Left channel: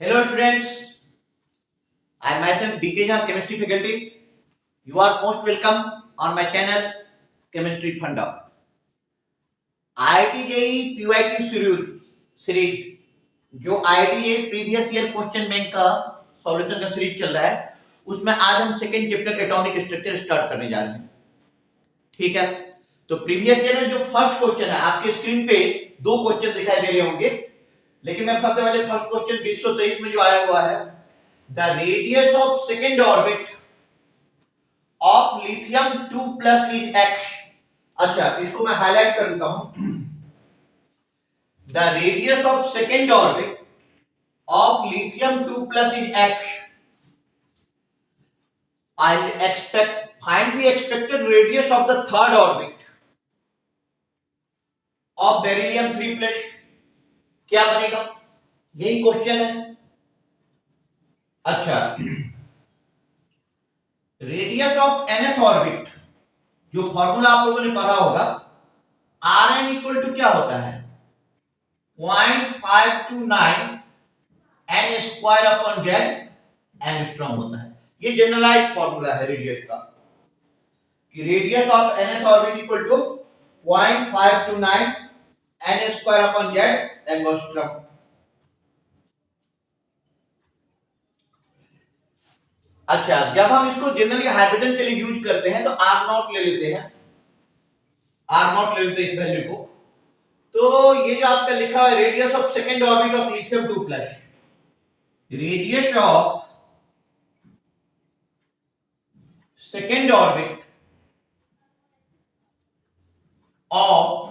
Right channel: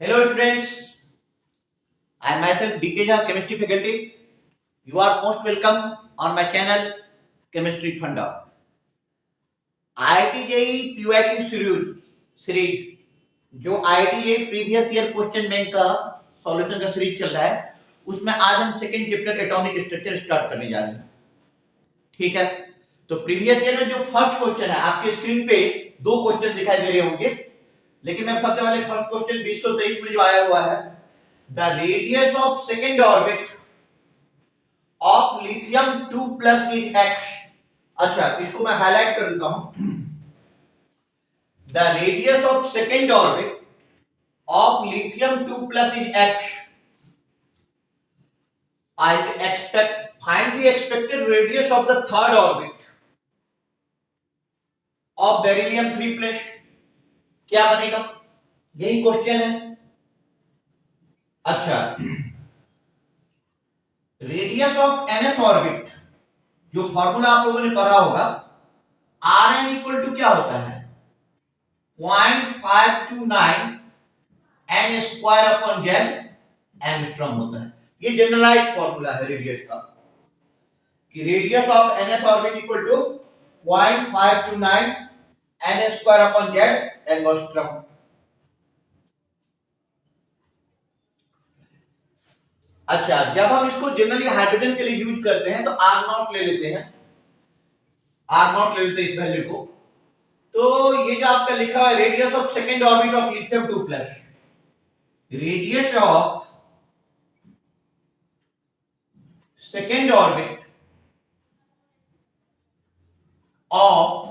Hello students, I am myself DK Jha, chemistry faculty. You are most welcome on my channel Chemistry Funda. IIT JEE PYQ series जो IIT JEE previous year question bank का solution का series चल रहा है उसमें आज हम second chapter atomic structure start करने जा रहे हैं। ठीक है, तो प्रीवियस ईयर में जो फर्स्ट क्वेश्चन है आपके स्क्रीन पे दो क्वेश्चन दिखाई दे रहे होंगे, लेकिन मैं सबसे पहले फर्स्ट क्वेश्चन 2023 में जो आया हुआ है, the radius of second orbit of lithium 2 plus is x. अच्छा, इसको मैं हाईलाइट कर देता हूं। The radius of second orbit of lithium 2 plus is x. I find the expected radius of the third orbit of beryllium 3 plus। क्या बनेगा, यही question है। अच्छा, रेडियस ऑफ nth ऑर्बिट जो फॉर्मूला आप लोगों ने पढ़ा होगा, Rn इक्वल टू क्या होता है 0.529 n square upon z angstrom होता है। ये जनरलाइज्ड फॉर्मूला है रेडियस का कि radius of nth orbit equal to 0.529 n square upon z angstrom. अच्छा, जब हम इसको जनरली हाइड्रोजन के लिए यूज करते हैं तो आर नॉट ले लेते हैं, इस वैल्यू को। तो ये जो आपका लिखा है radius of second orbit of lithium 2 plus, radius of second orbit of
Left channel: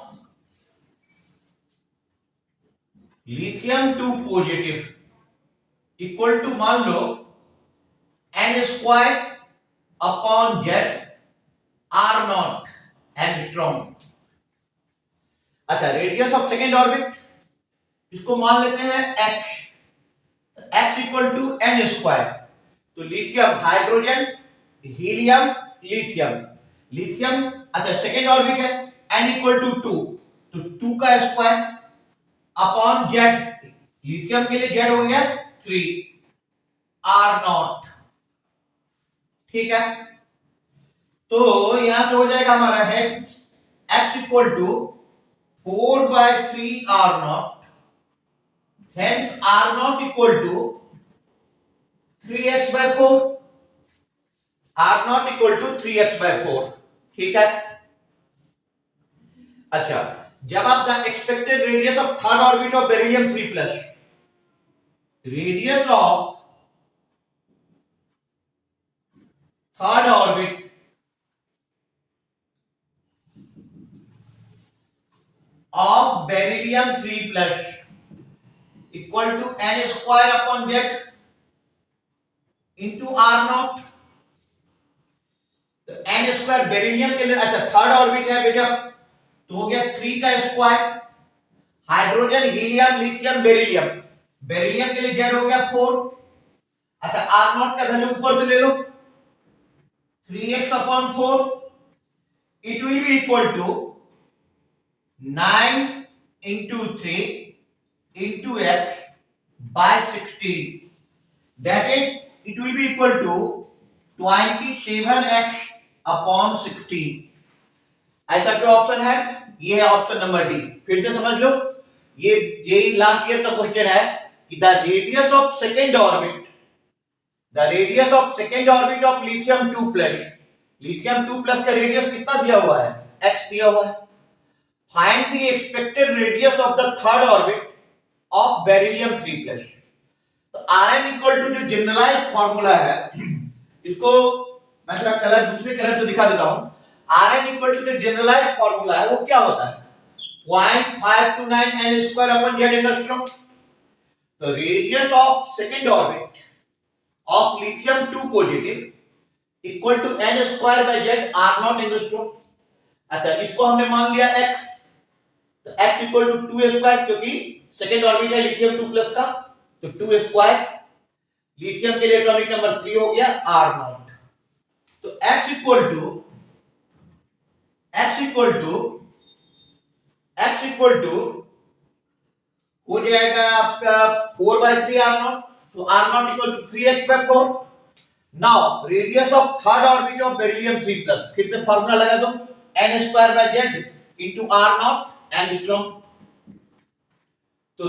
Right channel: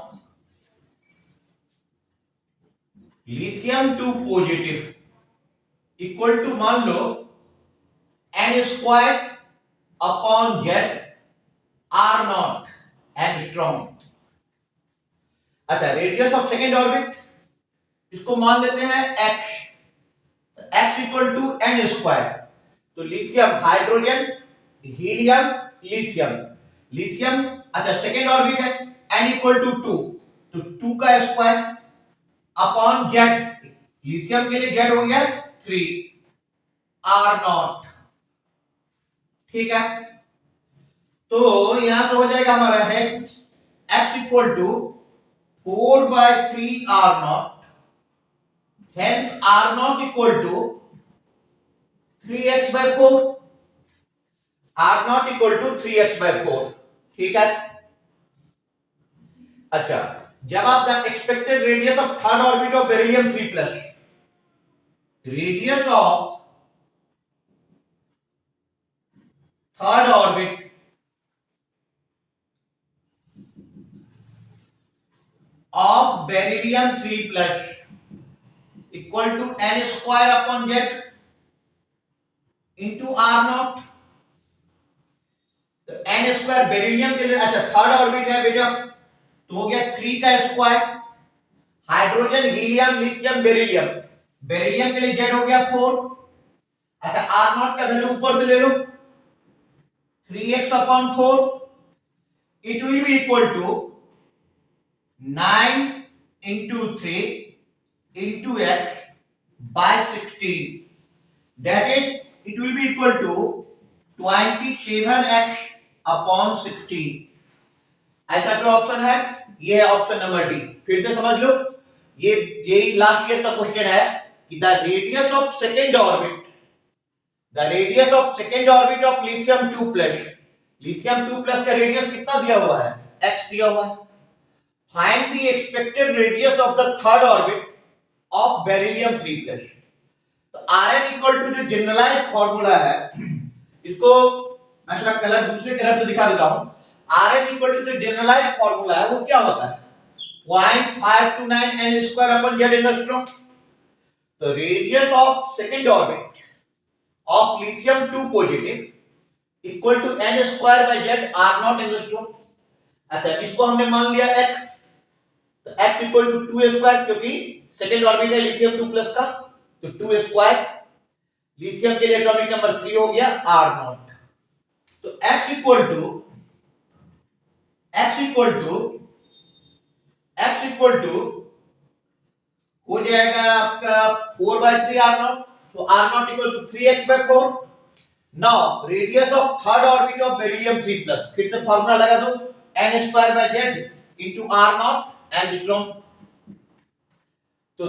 lithium 2 positive equal to मान लो n square upon z r naught angstrom. अच्छा, रेडियस ऑफ सेकेंड ऑर्बिट इसको मान लेते हैं x, x equal to n square. तो lithium hydrogen helium lithium अच्छा second orbit है n इक्वल टू 2, तो 2 का स्क्वायर अपॉन z, लिथियम के लिए z हो गया 3 आर नॉट। ठीक है, तो यहां से हो जाएगा हमारा है x equal to 4/3 r naught, hence r naught equal to 3x/4, r naught equal to 3x/4। ठीक है, अच्छा, जब आप the expected radius of third orbit of beryllium 3 plus, radius of third orbit of beryllium 3 plus equal to n square upon z into r naught। तो n square beryllium के लिए, अच्छा third orbit है बेटा, तो हो गया 3 का square, hydrogen helium lithium beryllium के लिए z हो गया 4। अच्छा, r नॉट का वैल्यू ऊपर से ले लो 3x upon 4, it will be equal to 9 into 3 into x by 16, that is it will be equal to 27x upon 16। ऐसा जो ऑप्शन है ये है ऑप्शन नंबर डी। फिर से समझ लो, ये यही लास्ट ईयर का क्वेश्चन है कि the radius of second orbit of lithium 2 plus, lithium 2 plus का रेडियस कितना दिया हुआ है x दिया हुआ है। Find the expected radius of the third orbit of beryllium 3 plus। तो Rn इक्वल टू जो जनरलाइज्ड फॉर्मूला है, इसको मैं थोड़ा कलर दूसरे कलर से दिखा देता हूं। Rn इक्वल टू जो जनरलाइज्ड फॉर्मूला है वो क्या होता है 0.529 n square upon z angstrom. तो radius of second orbit of lithium 2 positive equal to n square by z r not angstrom. अच्छा, इसको हमने मान लिया x, तो x इक्वल टू 2 स्क्वायर, क्योंकि सेकेंड ऑर्बिट है लिथियम 2 प्लस का, तो 2 स्क्वायर, लिथियम के लिए एटॉमिक नंबर 3 हो गया r नॉट। तो x इक्वल टू हो जाएगा आपका 4/3 r not. So R naught equal to 3x by 4. Now radius of third orbit of beryllium 3 plus, फिर से फॉर्मूला लगा दो, n square by z into R naught angstrom. तो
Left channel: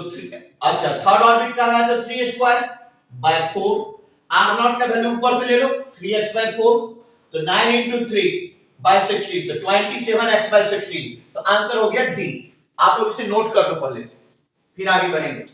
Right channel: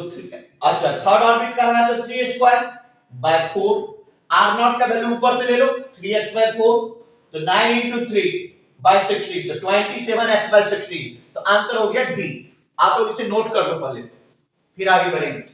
अच्छा थर्ड ऑर्बिट का है तो 3 स्क्वायर बाय 4. R naught का वैल्यू ऊपर से ले लो 3x by 4, तो 9 into 3 by 16, तो 27x by 16. तो आंसर हो गया डी. आप लोग इसे नोट कर लो पहले, फिर आगे बढ़ेंगे.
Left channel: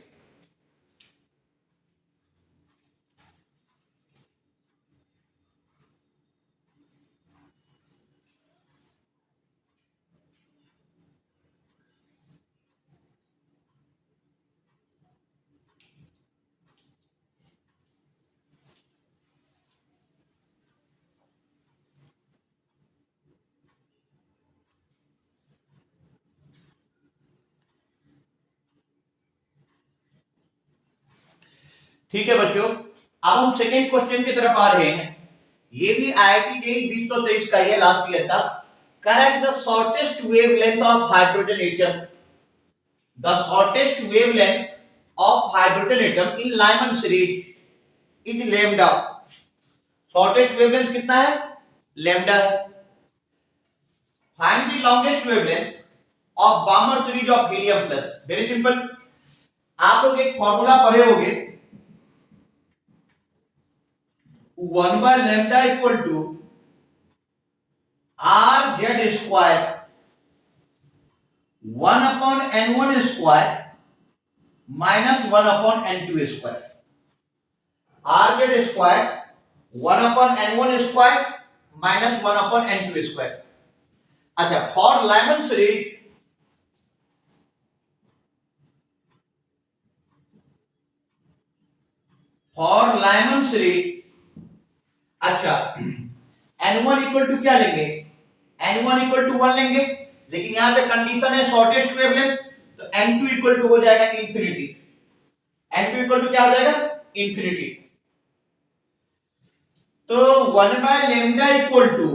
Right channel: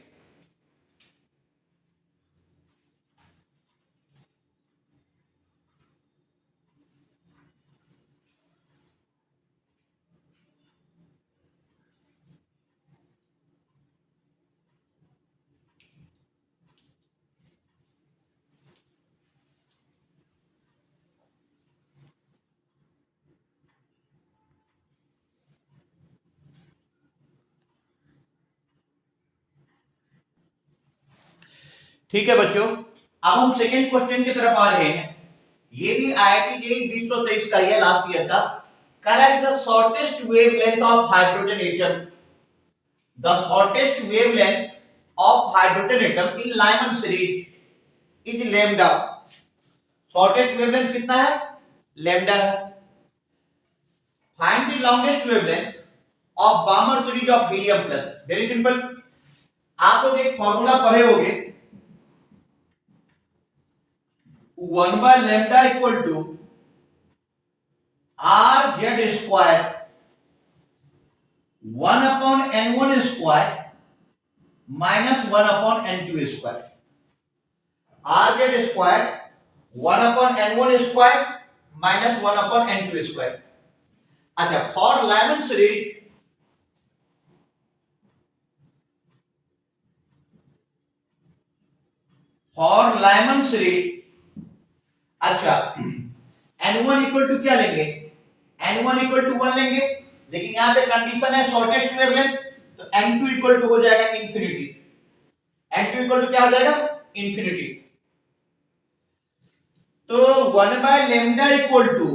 ठीक है बच्चों, अब हम सेकेंड क्वेश्चन की तरफ आ रहे हैं. ये भी आईआईटी जेईई 2023 का ही है, लास्ट ईयर का. कह रहा है कि the shortest wavelength of hydrogen atom, the shortest wavelength of hydrogen atom in Lyman series is lambda. Shortest wavelength कितना है? लैम्डा है. Find the longest wavelength of Balmer series of helium plus. Very simple, आप लोग एक formula पढ़े होंगे, 1 by lambda equal to r z square 1 upon n1 square minus 1 upon n2 square. r z square 1 upon n1 square minus 1 upon n2 square. अच्छा, for Lyman series अच्छा n1 equal to क्या लेंगे? n1 equal to 1 लेंगे, लेकिन यहां पे condition है shortest wavelength, तो n2 इक्वल टू हो जाएगा इंफिनिटी. n2 इक्वल टू क्या हो जाएगा? इंफिनिटी. तो 1 by lambda equal to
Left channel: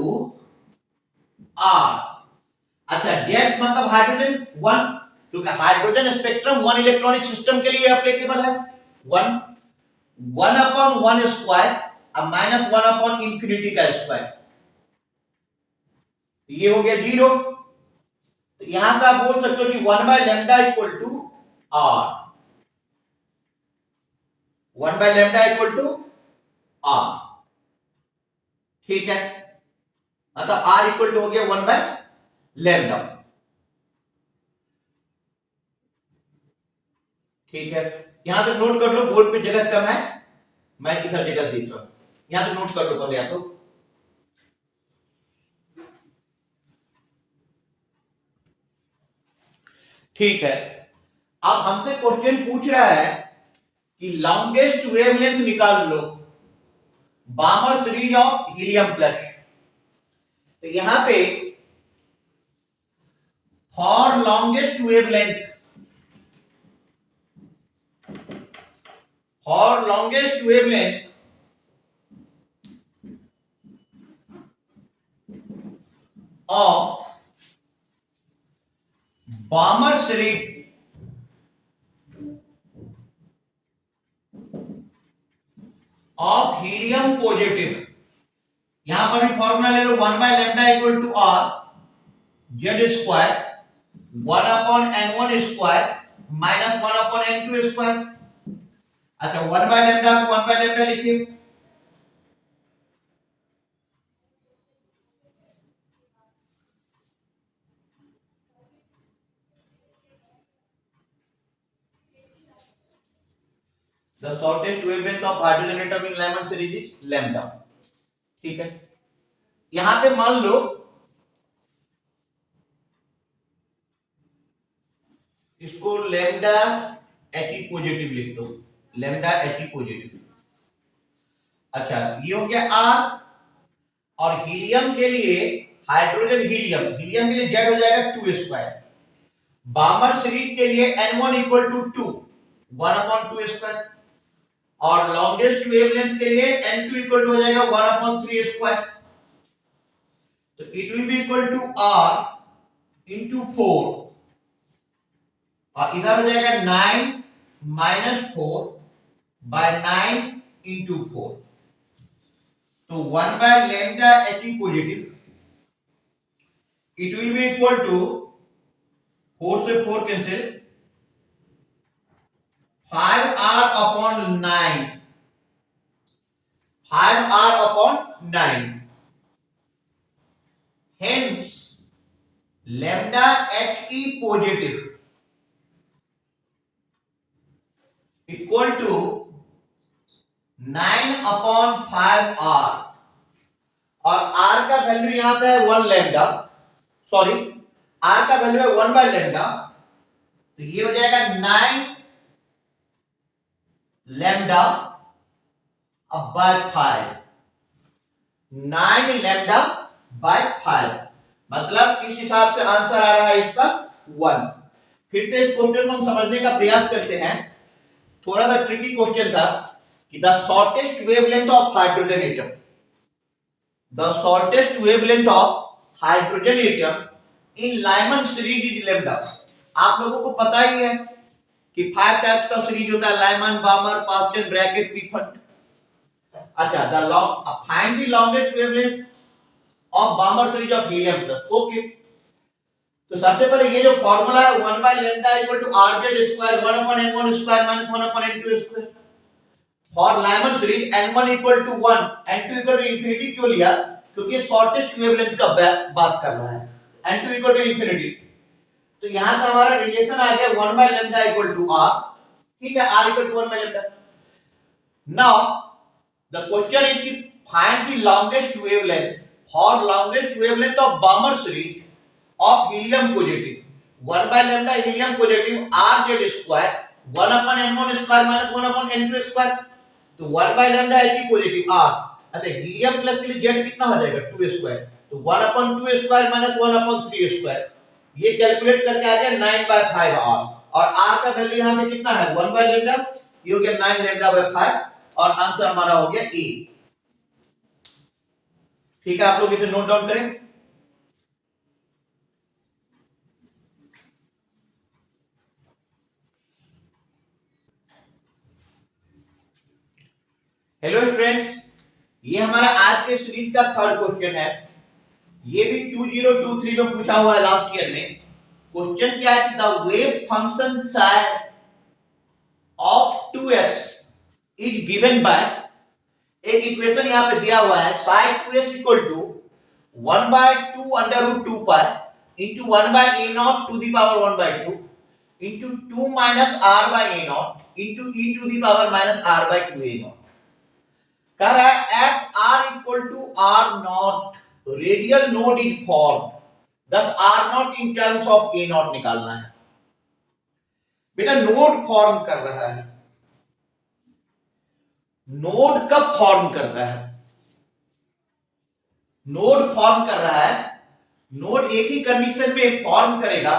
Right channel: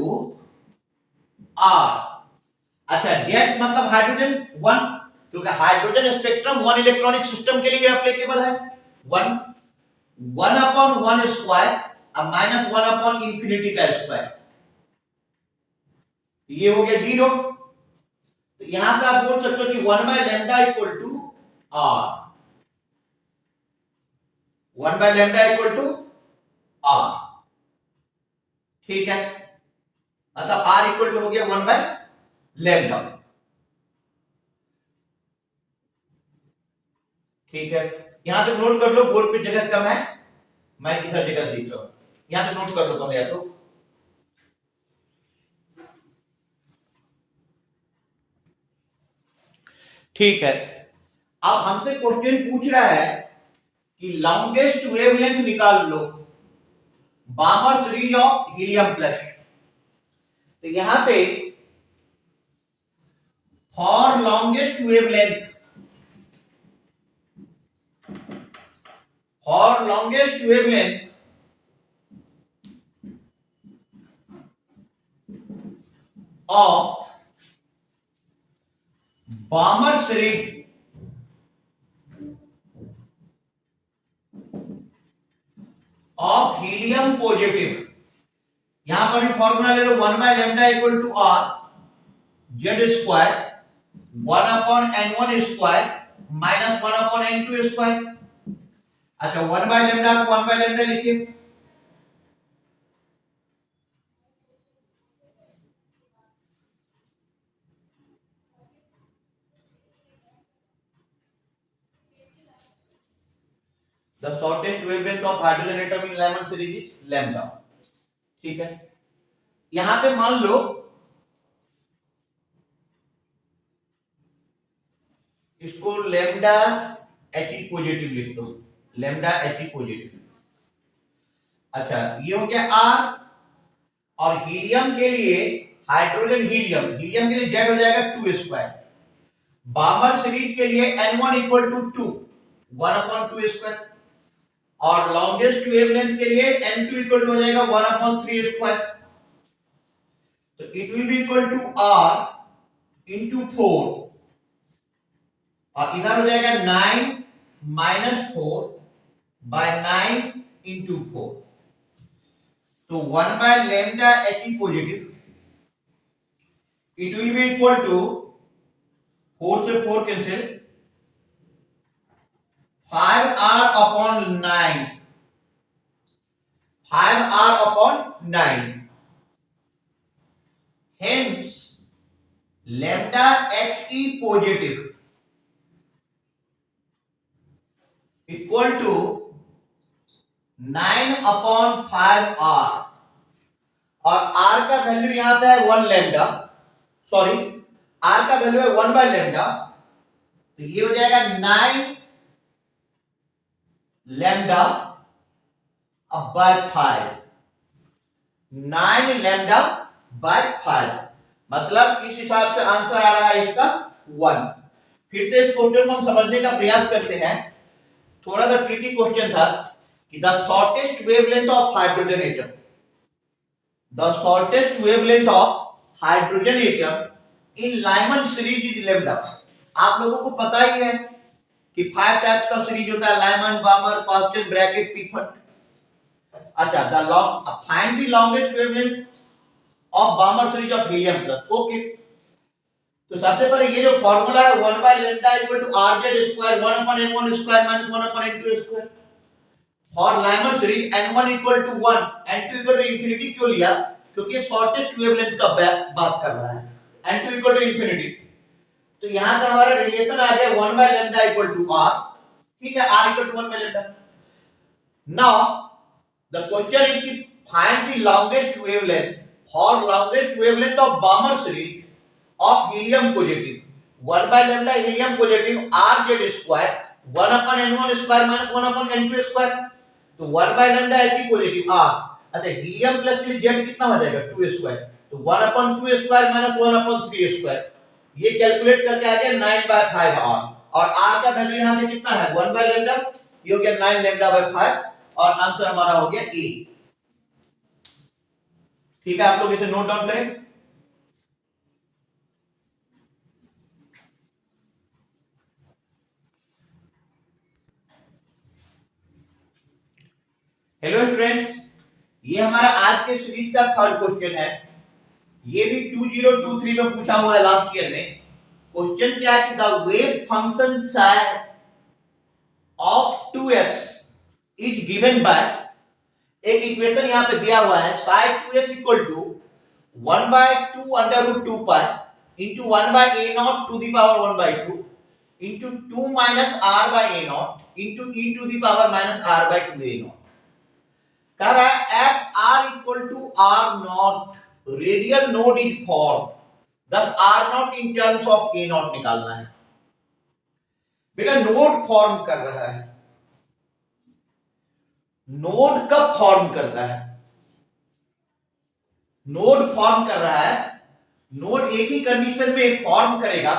r. अच्छा, जेड मतलब हाइड्रोजन 1, क्योंकि हाइड्रोजन स्पेक्ट्रम 1 इलेक्ट्रॉनिक सिस्टम के लिए एप्लीकेबल है. 1 अपॉन 1 स्क्वायर अब माइनस 1 अपॉन इंफिनिटी का स्क्वायर, ये हो गया 0. तो यहां से आप बोल सकते हो कि 1 by lambda equal to r. 1 by lambda equal to r. ठीक है, मतलब r इक्वल टू हो गया 1 बाय लैम्डा. ठीक है, यहां तो नोट कर लो, बोर्ड पे जगह कम है, मैं इधर जगह देख रहा हूं, यहां तो नोट कर लो पहले. तो ठीक है, अब हमसे क्वेश्चन पूछ रहा है कि लॉन्गेस्ट वेवलेंथ निकाल लो Balmer series of helium plus. तो यहां पे for longest wavelength, for longest wavelength of Balmer series of helium positive. यहां पर भी फॉर्मूला ले लो, 1 by lambda equal to r z square 1 upon n1 square minus 1 upon n2 square. अच्छा, 1 by lambda को 1 बाय लैम्डा लिखिए. The shortest wavelength of hydrogen atom in Lyman series is lambda. ठीक है, यहां पे मान लो इसको लैम्डा एटी पॉजिटिव लिख दो, लैम्डा एटी पॉजिटिव. अच्छा, ये हो गया R. और हीलियम के लिए, हाइड्रोजन हीलियम, हीलियम के लिए Z हो जाएगा 2 स्क्वायर. बामर सीरीज के लिए n1 equal to 2, 1 upon 2 square. और लॉन्गेस्ट वेवलेंथ के लिए n2 इक्वल टू हो जाएगा 1 अपॉन 3 स्क्वायर. तो it will be equal to r into 4, और इधर हो जाएगा 9 minus 4 by 9 into 4. So 1 by lambda He positive, it will be equal to 4 से 4 cancel, 5r upon 9, 5r upon 9. Hence lambda He positive equal to 9 upon 5r, और r का value यहां से है 1 लैम्डा, सॉरी r का value है 1 by lambda, तो ये हो जाएगा 9 लैम्डा अब बाय 5, 9 लैम्डा बाय 5, मतलब इस हिसाब से आंसर आ रहा है इसका 1। फिर से इस क्वेश्चन को हम समझने का प्रयास करते हैं। थोड़ा सा ट्रिकी क्वेश्चन था कि the shortest wavelength of hydrogen atom, the shortest wavelength of hydrogen atom in Lyman series is lambda. आप लोगों को पता ही है कि 5 टाइप्स का सीरीज होता है, लाइमन, बामर, पास्टन, ब्रैकेट, पीफर्ट। अच्छा, find the longest wavelength of Balmer series of helium plus. Okay, तो सबसे पहले ये जो फार्मूला है 1 by lambda equal to rz square 1 upon n1 square minus 1 upon n2 square। For Lyman series n1 equal to 1 n2 equal to infinity क्यों लिया? क्योंकि shortest wavelength का बात कर रहा है, n2 equal to infinity। तो यहां से हमारा रिलेशन आ गया 1 by lambda equal to r, ठीक है, r equal to 1 by lambda। Now the question is कि find the longest wavelength for longest wavelength of Balmer series of helium positive 1 by lambda helium positive rz square 1 upon n1 square minus 1 upon n2 square। तो 1 by lambda He positive r, अच्छा helium plus के लिए z कितना हो जाएगा 2 square, तो 1 upon 2 square minus 1 upon 3 square, ये calculate करके आ गया 9 by 5 r, और r का वैल्यू यहां से कितना है 1 by lambda, ये हो गया 9 lambda by 5, और आंसर हमारा हो गया a। ठीक है, आप लोग इसे नोट डाउन करें। हेलो स्टूडेंट्स, ये हमारा आज के सीरीज का थर्ड क्वेश्चन है। ये भी 2023 में पूछा हुआ है लास्ट ईयर में। क्वेश्चन क्या है कि the wave function psi of 2s is given by, एक इक्वेशन यहां पे दिया हुआ है psi 2s equal to 1 by 2 under root 2 pi into 1 by a naught to the power 1 by 2 into 2 minus r by a naught into e to the power minus r by 2 a naught। कह रहा है at r equal to r naught radial node is form, thus r naught in terms of a naught निकालना है। बेटा node form कर रहा है, node कब फॉर्म करता है? नोड फॉर्म कर रहा है, नोड एक ही कंडीशन में फॉर्म करेगा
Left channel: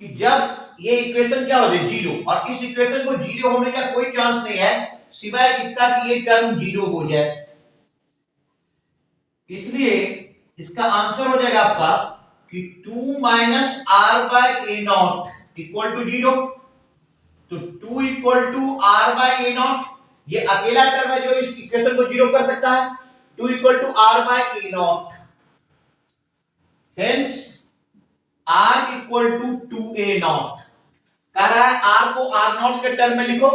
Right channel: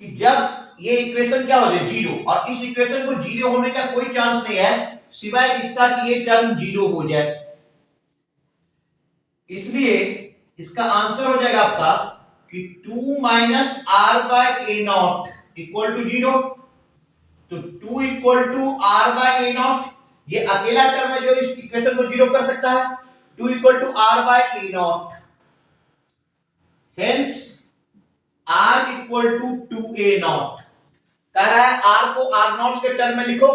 कि जब ये इक्वेशन क्या हो जाए जीरो, और इस इक्वेशन को जीरो होने का कोई चांस नहीं है सिवाय इसका कि ये टर्म जीरो हो जाए। इसलिए इसका आंसर हो जाएगा आपका कि 2 minus r by a naught equal to zero. तो 2 equal to r by a naught, ये अकेला टर्म है जो इस इक्वेशन को जीरो कर सकता है। 2 equal to r by a naught, hence r equal to 2a naught. कह रहा है r को r नॉट के टर्म में लिखो,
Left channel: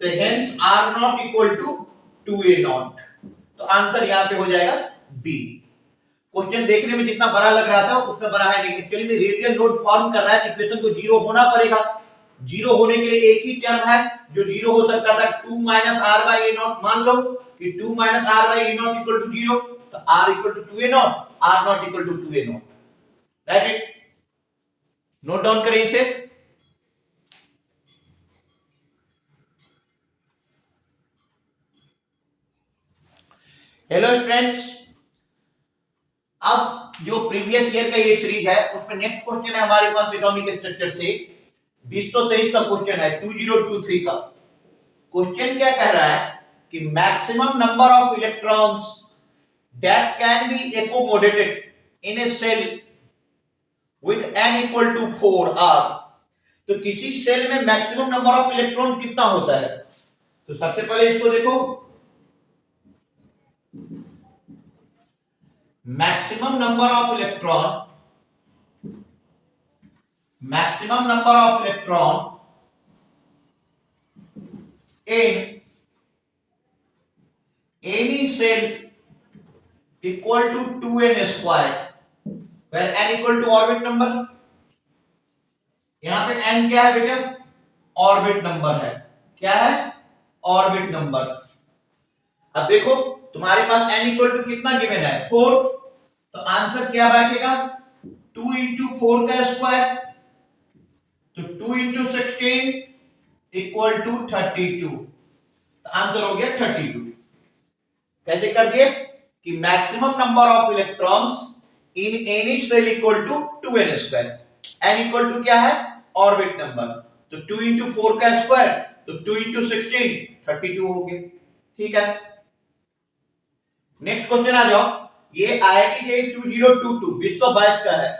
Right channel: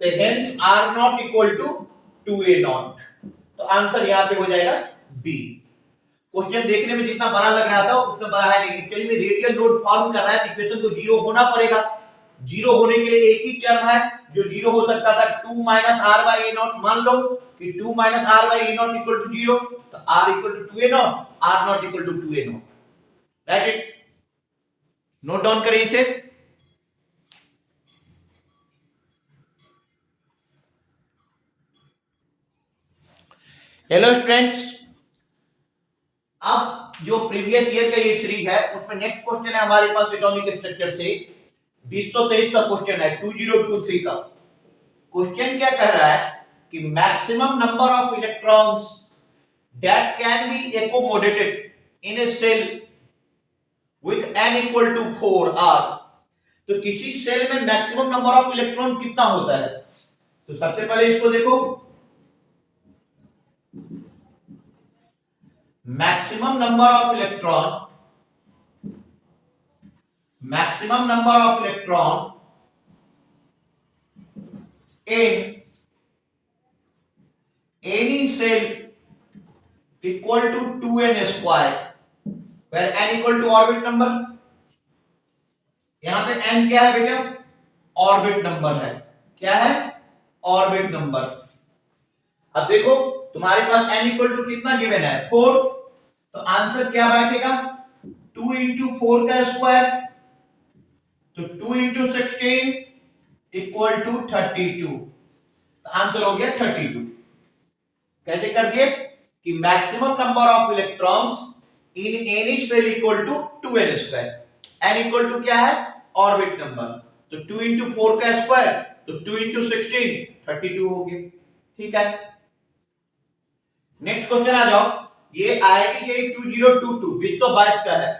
तो hence r naught equal to 2a naught. तो आंसर यहां पे हो जाएगा b। क्वेश्चन देखने में जितना बड़ा लग रहा था उतना बड़ा है नहीं, एक्चुअली में रेडियल नोड फॉर्म कर रहा है तो इक्वेशन को जीरो होना पड़ेगा। जीरो होने के लिए एक ही टर्म है जो जीरो हो सकता था, 2 minus r by a naught. मान लो कि 2 minus r by a naught equal to zero, तो r equal to 2a naught, r naught equal to 2a naught. Write it, note down करिए इसे। हेलो स्टूडेंट्स, अब जो प्रीवियस ईयर का ये सीरीज है उसमें नेक्स्ट क्वेश्चन है हमारे पास एटॉमिक स्ट्रक्चर से 2023 का क्वेश्चन है 2023 का। क्वेश्चन क्या कह रहा है कि maximum number of electrons that can be accommodated in a shell with n equal to 4 r, तो किसी सेल में मैक्सिमम नंबर ऑफ इलेक्ट्रॉन कितना होता है? तो सबसे पहले इसको देखो, maximum number of electron in any cell equal to 2n square, where n equal to orbit number. यहां पे n क्या है बेटा? ऑर्बिट नंबर है। क्या है? Orbit number. अब देखो तुम्हारे पास n इक्वल टू कितना गिवन है? 4। तो आंसर क्या बैठेगा? 2 इंटू 4 का स्क्वायर, तो 2 इंटू 16 इक्वल टू 32। तो आंसर हो गया 32। कैसे कर दिए कि maximum number of electrons in any shell equal to 2n square. n equal to क्या है? Orbit number. तो 2 इंटू 4 का स्क्वायर, तो 2 इंटू 16 32 हो गया। ठीक है, नेक्स्ट क्वेश्चन आ जाओ। ये IIT JEE 2022 2022 का है।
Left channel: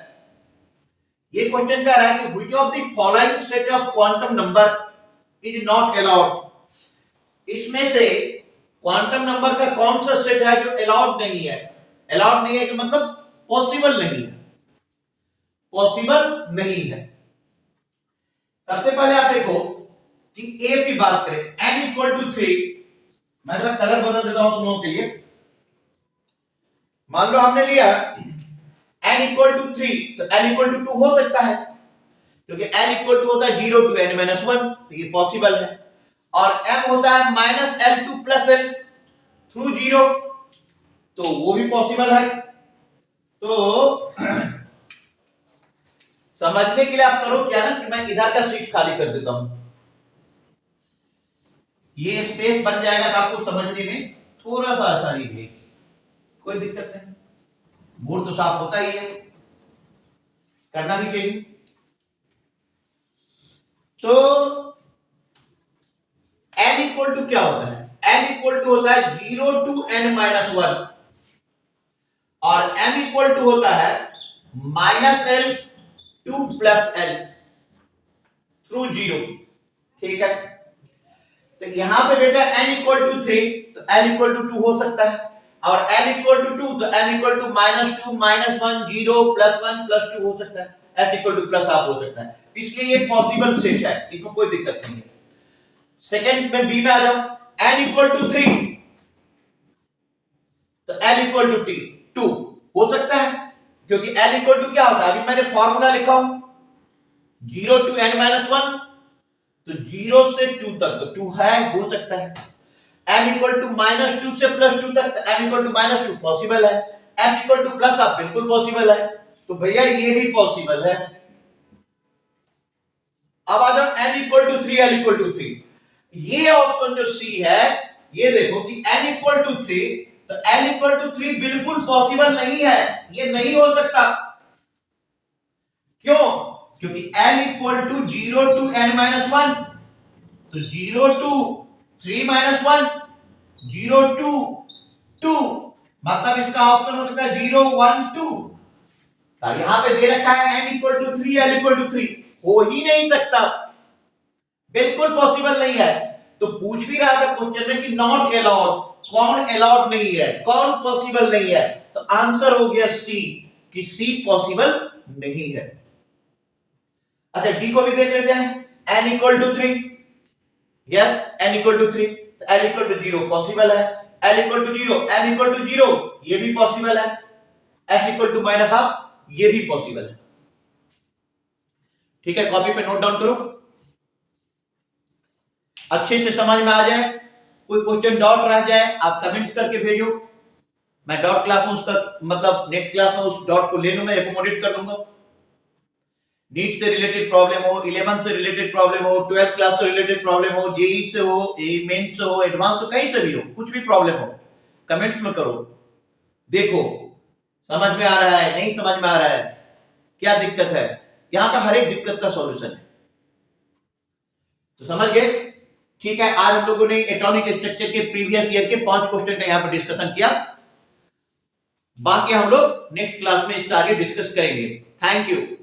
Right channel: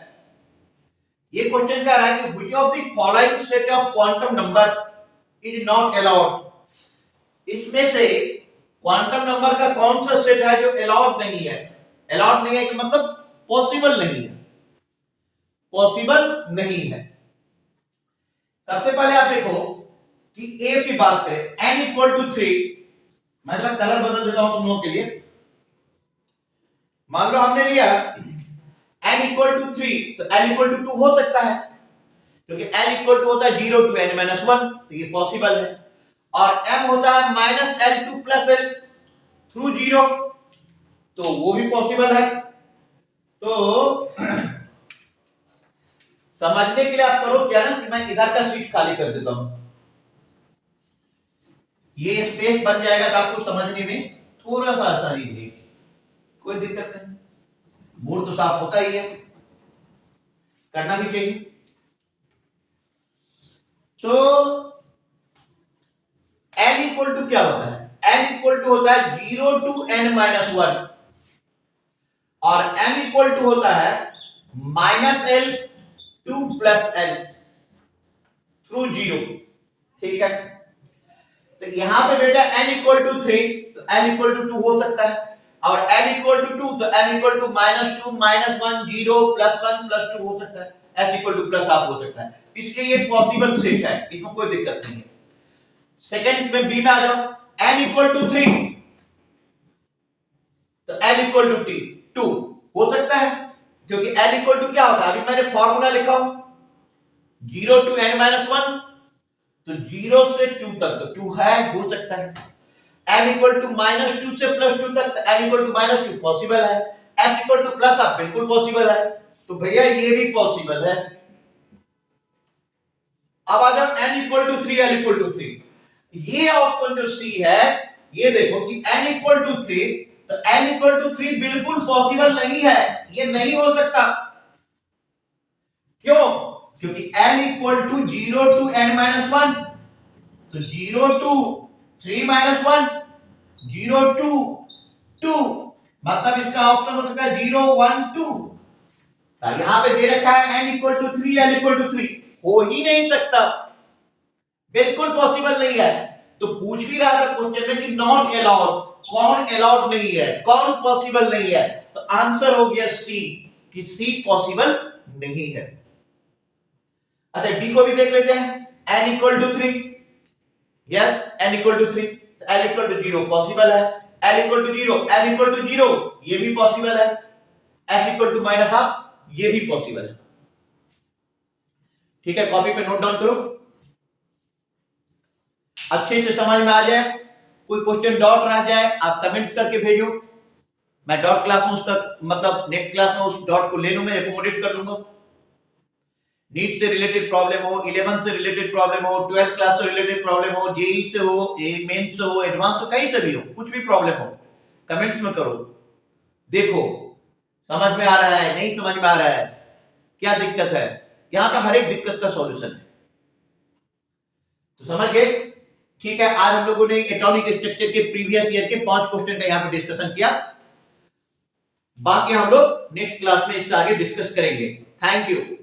ये क्वेश्चन कह रहा है कि which of the following set of quantum number is not allowed. इसमें से क्वांटम नंबर का कौन सा सेट है जो अलाउड नहीं है? अलाउड नहीं है कि मतलब पॉसिबल नहीं है, पॉसिबल नहीं है। सबसे पहले आप देखो कि ए की बात करें, n इक्वल टू 3। मैं जरा कलर बदल देता हूं तुम लोगों के लिए। मान लो हमने लिया n इक्वल टू 3, तो n इक्वल टू 2 हो सकता है, क्योंकि n इक्वल टू होता है 0 टू n माइनस 1, तो ये पॉसिबल है। और m होता है minus L2 plus L through 0, तो वो भी पॉसिबल है। तो समझने के लिए आप करो क्या ना कि मैं इधर का सीट खाली कर देता हूं, ये स्पेस बन जाएगा तो आपको समझने में थोड़ा सा आसानी रहेगी। कोई दिक्कत नहीं, बोर्ड तो साफ होता ही है, करना भी चाहिए। तो n इक्वल टू क्या होता है? n इक्वल टू होता है 0 टू n माइनस 1, और m इक्वल टू होता है minus L 2 plus L through 0। ठीक है, तो यहां पे बेटा n इक्वल टू 3, तो n इक्वल टू 2 हो सकता है, और n इक्वल टू 2 तो m equal to minus 2 minus 1 0 plus 1 plus 2 हो सकता है, s equal to plus half हो सकता है। इसलिए ये पॉसिबल सेट है, इसमें कोई दिक्कत नहीं है। सेकंड में बी में आ जाओ, n इक्वल टू 3 तो n इक्वल टू 2 हो सकता है, क्योंकि n इक्वल टू क्या होता है? अभी मैंने फॉर्मूला लिखा हूं 0 टू n माइनस 1, तो 0 से 2 तक तो 2 है, हो सकता है। m इक्वल टू माइनस 2 से प्लस 2 तक, तो m equal to minus 2 possible है। s equal to plus half बिल्कुल पॉसिबल है, तो भैया ये भी पॉसिबल है। अब आ जाओ n equal to 3 l equal to 3। ये ऑप्शन जो सी है, ये देखो कि n इक्वल टू 3, तो n इक्वल टू 3 बिल्कुल पॉसिबल नहीं है, ये नहीं हो सकता। क्यों? क्योंकि n equal to 0 to n minus 1, तो 0 टू 3 माइनस 1 0 टू 2, मतलब इसका ऑप्शन हो सकता है 0 1 2। यहां पे दे रखा है n equal to 3 l equal to 3, हो ही नहीं सकता, बिल्कुल पॉसिबल नहीं है। तो पूछ भी रहा था क्वेश्चन में कि नॉट अलाउड, कौन अलाउड नहीं है, कौन पॉसिबल नहीं है, तो आंसर हो गया सी, कि सी पॉसिबल नहीं है। अच्छा डी को भी देख लेते हैं, n equal to 3, yes n equal to 3, l equal to 0 possible है, l equal to 0 m equal to 0 ये भी पॉसिबल है, s equal to minus half ये भी पॉसिबल है। ठीक है, कॉपी पे नोट डाउन करो, अच्छे से समझ में आ जाए। कोई क्वेश्चन डॉट रह जाए आप कमेंट्स करके भेजो, मैं डॉट क्लास में उसका मतलब नेट क्लास में उस डॉट को ले लूंगा, एकोमोडेट कर लूंगा। नीट से रिलेटेड प्रॉब्लम हो, 11th से रिलेटेड प्रॉब्लम हो, 12th क्लास से रिलेटेड प्रॉब्लम हो, जेई से हो, मेंस से हो, एडवांस से कहीं से भी हो, कुछ भी प्रॉब्लम हो कमेंट्स में करो। देखो समझ में आ रहा है, नहीं समझ में आ रहा है, क्या दिक्कत है, यहां पे हर एक दिक्कत का सॉल्यूशन है। तो समझ गए? ठीक है, आज हम लोगों ने एटॉमिक स्ट्रक्चर के प्रीवियस ईयर के 5 क्वेश्चन का यहां पर डिस्कशन किया, बाकी हम लोग नेक्स्ट क्लास में इससे आगे डिस्कस करेंगे। Thank you.